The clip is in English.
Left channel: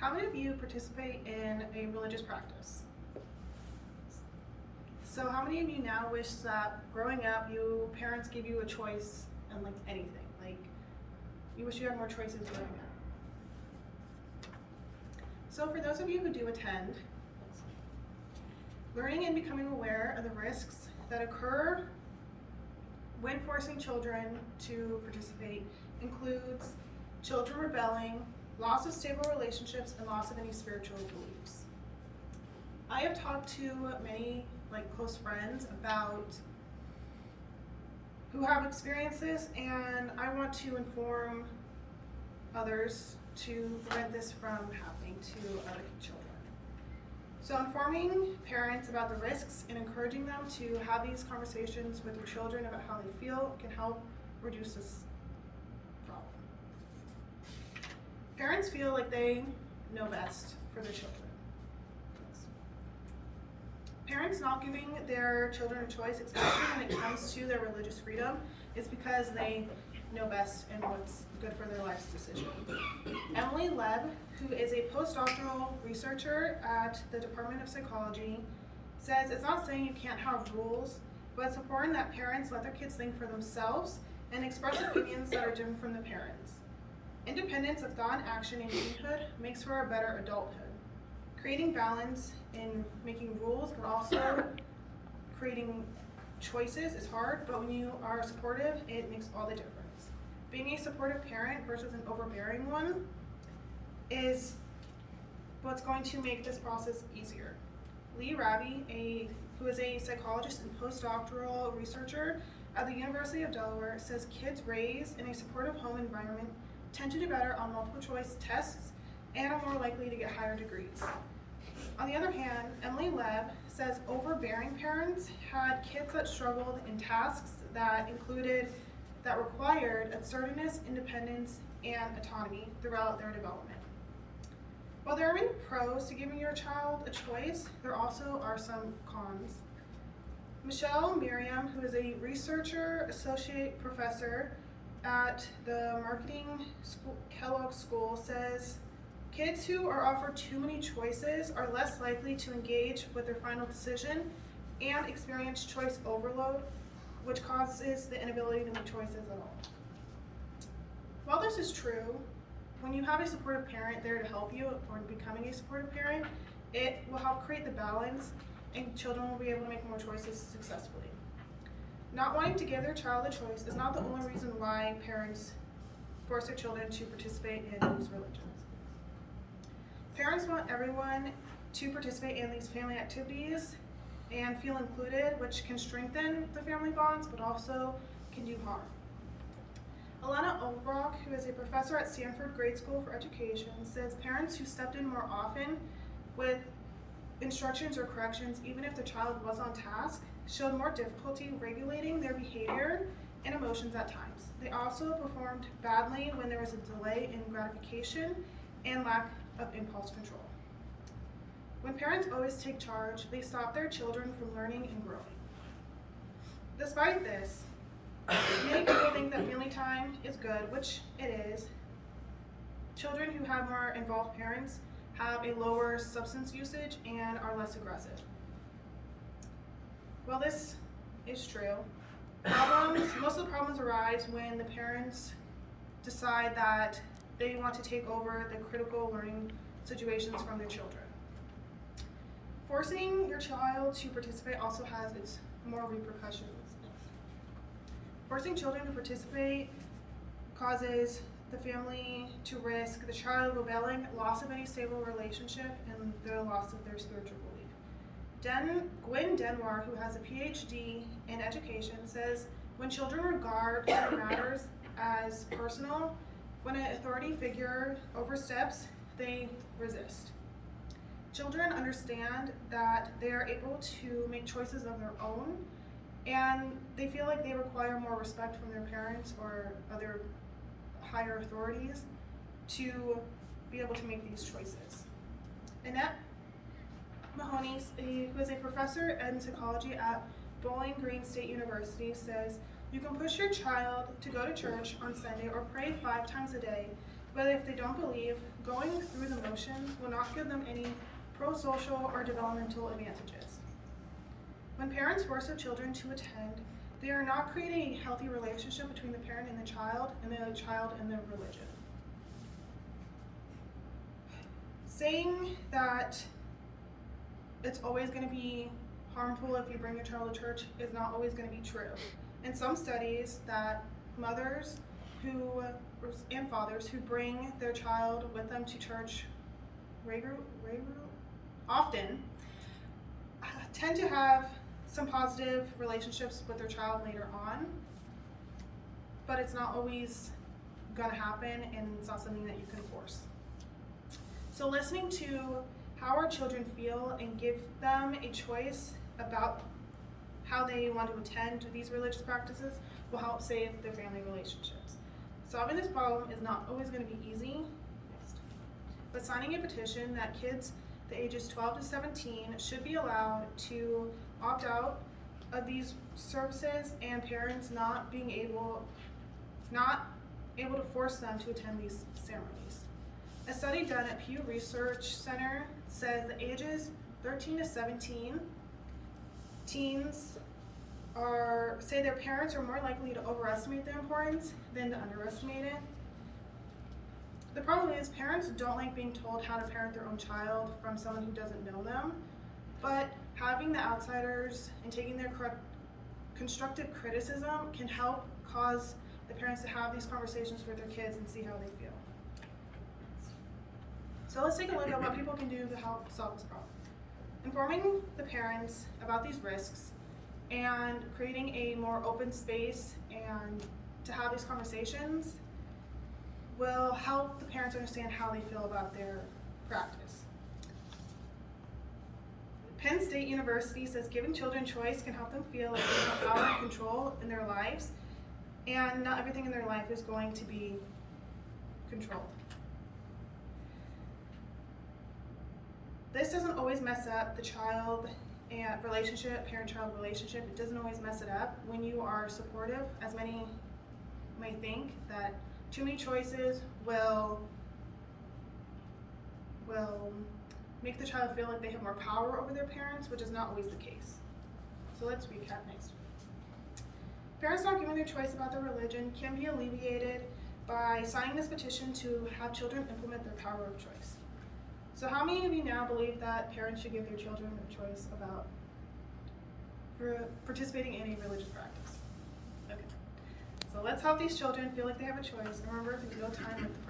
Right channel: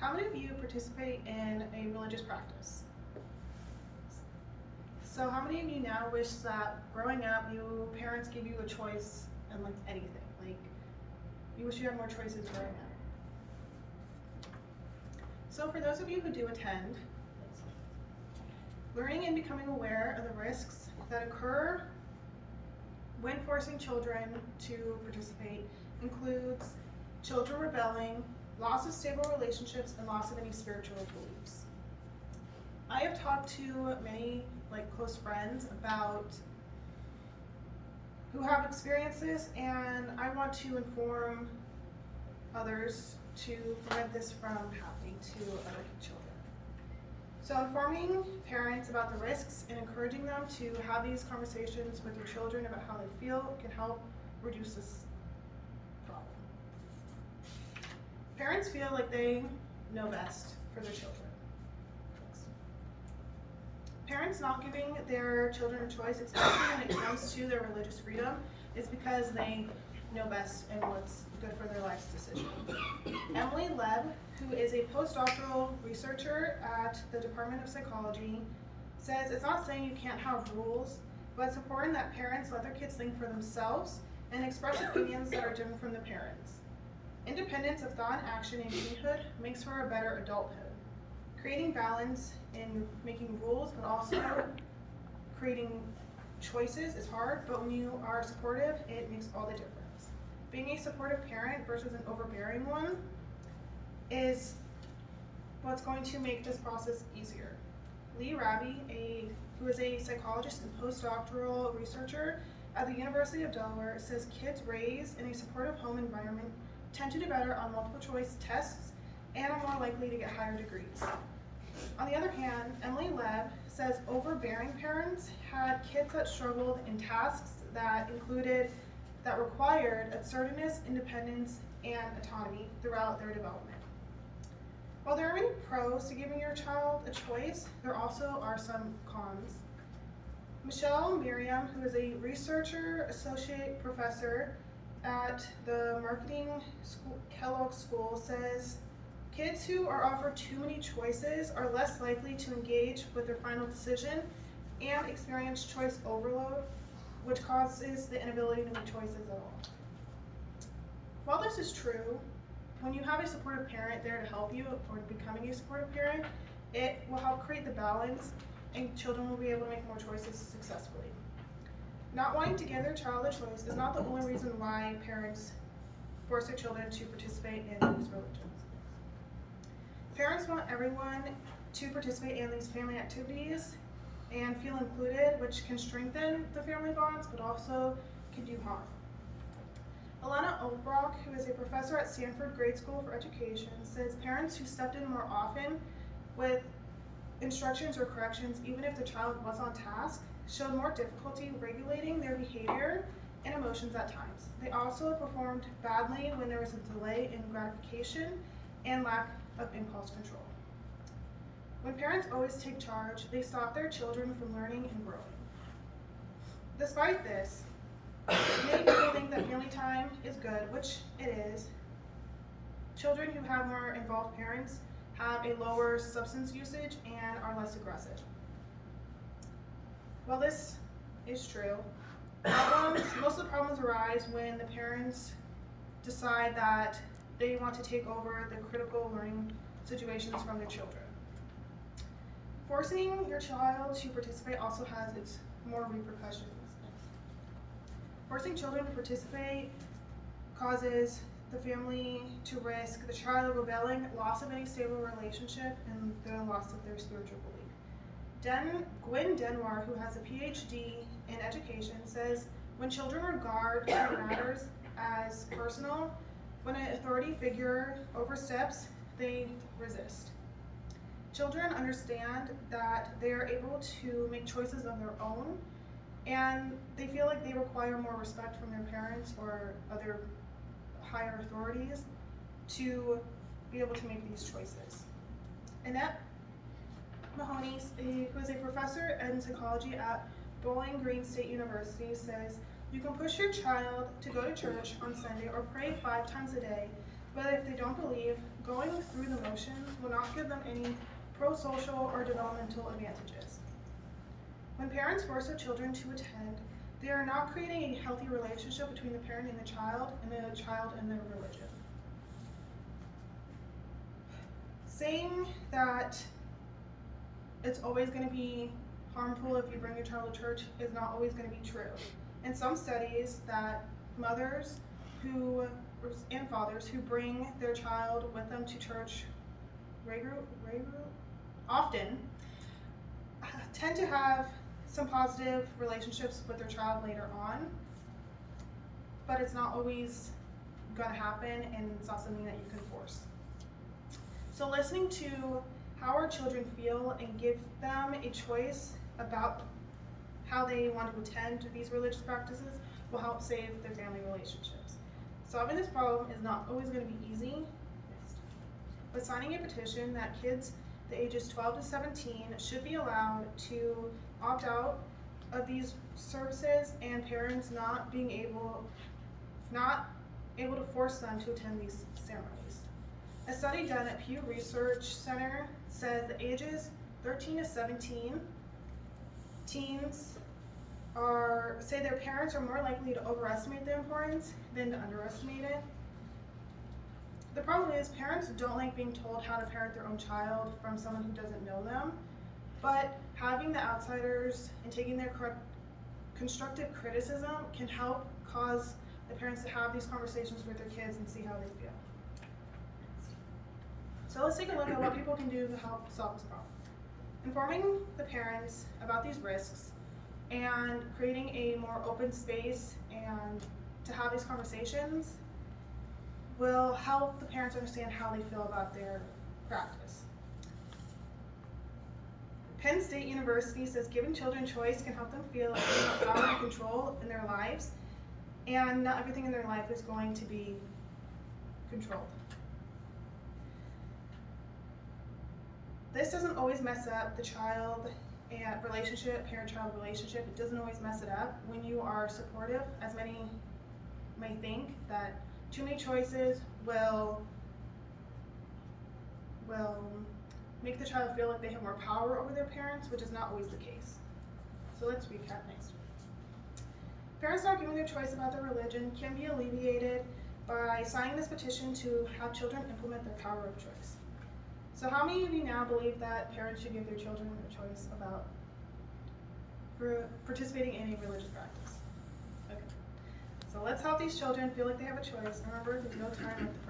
How many of you participate in a religious practice? So how many of you now wish that growing up, your parents gave you a choice in like anything? Like, you wish you had more choices growing up. So for those of you who do attend, learning and becoming aware of the risks that occur when forcing children to participate includes children rebelling, loss of stable relationships, and loss of any spiritual beliefs. I have talked to many close friends about who have experienced this, and I want to inform others to prevent this from happening to other children. So informing parents about the risks and encouraging them to have these conversations with their children about how they feel can help reduce this problem. Parents feel like they know best for their children. Parents not giving their children a choice, especially when it comes to their religious freedom, is because they know best and what's good for their life's decisions. Emily Leb, who is a postdoctoral researcher at the Department of Psychology, says it's not saying you can't have rules, but it's important that parents let their kids think for themselves and express opinions that are different from the parents. Independence of thought and action in teenhood makes for a better adulthood. Creating balance in making rules, but also creating choices is hard, but when you are supportive, it makes all the difference. Being a supportive parent versus an overbearing one is what's going to make this process easier. Lee Raby, who is a psychologist and postdoctoral researcher at the University of Delaware, says kids raised in a supportive home environment tend to do better on multiple choice tests and are more likely to get higher degrees. On the other hand, Emily Leb says overbearing parents had kids that struggled in tasks that required assertiveness, independence, and autonomy throughout their development. While there are many pros to giving your child a choice, there also are some cons. Michelle Miriam, who is a researcher associate professor at the Marketing Kellogg School, says kids who are offered too many choices are less likely to engage with their final decision and experience choice overload, which causes the inability to make choices at all. While this is true, when you have a supportive parent there to help you or becoming a supportive parent, it will help create the balance and children will be able to make more choices successfully. Not wanting to give their child a choice is not the only reason why parents force their children to participate in these religions. Parents want everyone to participate in these family activities and feel included, which can strengthen the family bonds, but also can do harm. Elena Obrock, who is a professor at Stanford Grade School for Education, says parents who stepped in more often with instructions or corrections, even if the child was on task, showed more difficulty regulating their behavior and emotions at times. They also performed badly when there was a delay in gratification and lack of impulse control. When parents always take charge, they stop their children from learning and growing. Despite this, many people think that family time is good, which it is. Children who have more involved parents have a lower substance usage and are less aggressive. While this is true, most of the problems arise when the parents decide that they want to take over the critical learning situations from their children. Forcing your child to participate also has its more repercussions. Forcing children to participate causes the family to risk the child rebelling, loss of any stable relationship, and the loss of their spiritual belief. Gwen Denwar, who has a PhD in education, says when children regard certain matters as personal, when an authority figure oversteps, they resist. Children understand that they are able to make choices of their own, and they feel like they require more respect from their parents or other higher authorities to be able to make these choices. Annette Mahoney, who is a professor in psychology at Bowling Green State University, says, you can push your child to go to church on Sunday or pray 5 times a day, But if they don't believe, going through the motions will not give them any pro-social or developmental advantages. When parents force their children to attend, they are not creating a healthy relationship between the parent and the child and their religion. Saying that it's always going to be harmful if you bring your child to church is not always going to be true. In some studies, that mothers and fathers who bring their child with them to church often tend to have some positive relationships with their child later on, but it's not always going to happen, and it's not something that you can force. So listening to how our children feel and give them a choice about how they want to attend these religious practices will help save their family relationships. Solving this problem is not always going to be easy, but signing a petition that kids the ages 12 to 17 should be allowed to opt out of these services, and parents not able to force them to attend these ceremonies. A study done at Pew Research Center says the ages 13 to 17 teens say their parents are more likely to overestimate the importance than to underestimate it. The problem is parents don't like being told how to parent their own child from someone who doesn't know them, but having the outsiders and taking their constructive criticism can help cause the parents to have these conversations with their kids and see how they feel. So let's take a look at what people can do to help solve this problem. Informing the parents about these risks and creating a more open space and to have these conversations will help the parents understand how they feel about their practice. Penn State University says giving children choice can help them feel like they have power and control in their lives, and not everything in their life is going to be controlled. This doesn't always mess up the child and relationship, parent-child relationship. It doesn't always mess it up when you are supportive, as many may think that too many choices will make the child feel like they have more power over their parents, which is not always the case. So let's recap next. Parents not giving their choice about their religion can be alleviated by signing this petition to have children implement their power of choice. So how many of you now believe that parents should give their children a choice about participating in a religious practice? Okay. So let's help these children feel like they have a choice, and remember, there's no time like the